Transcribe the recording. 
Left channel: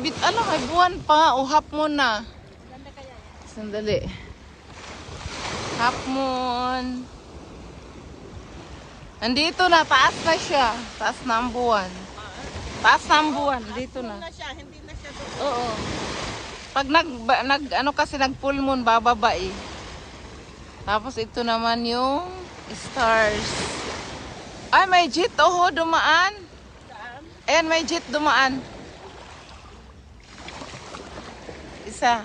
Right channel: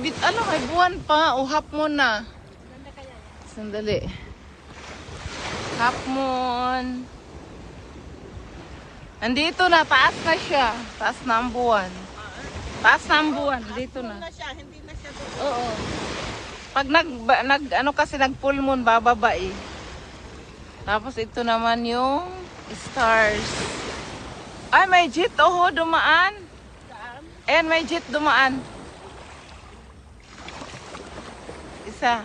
ano, may buwan pa. Uhap mo na. Sandali. Half moon. Andito na, taas na siya. Taas na ang buwan. Taas na ang buwan, dito na. Oo. Pag ano kasi nag full moon, bababa eh. Tapos ito naman yung stars. Ay, may jeep. Oh, dumaan. And may jeep dumaan. Isa.